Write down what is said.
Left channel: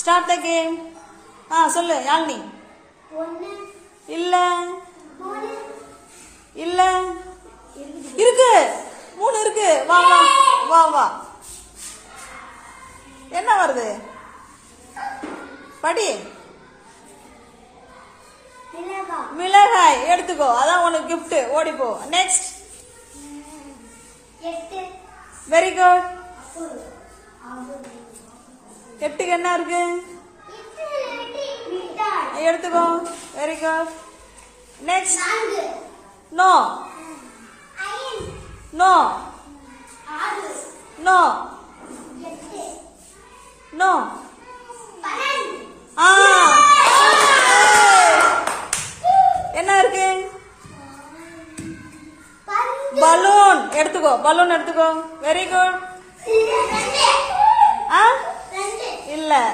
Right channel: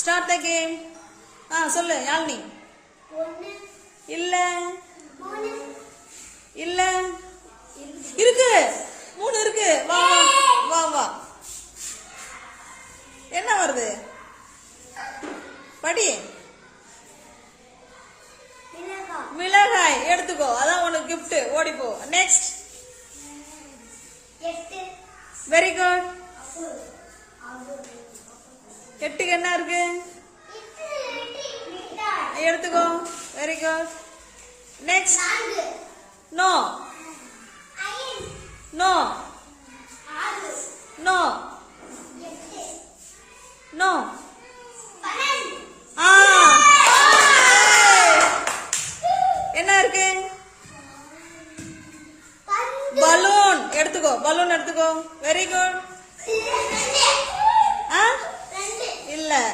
Start the game. சொல்லு யாழ்னி. இல்ல இல்ல இருக்கு 3 இருக்கு. வா வா வா வா. என்ன வருது படி. மிளகாய் எடுத்துக்கோ. அதான் உனக்கு gift. ஓடிப்போ. நெக்ஸ்ட். Very good. 8க்கு என்ன இருக்கு எடுத்துக்கோ. Very good. Next. No no no no. என்ன இருக்கு பலூன் எடுத்துக்கோ. பலூன் எடுத்துக்கோ. Very good.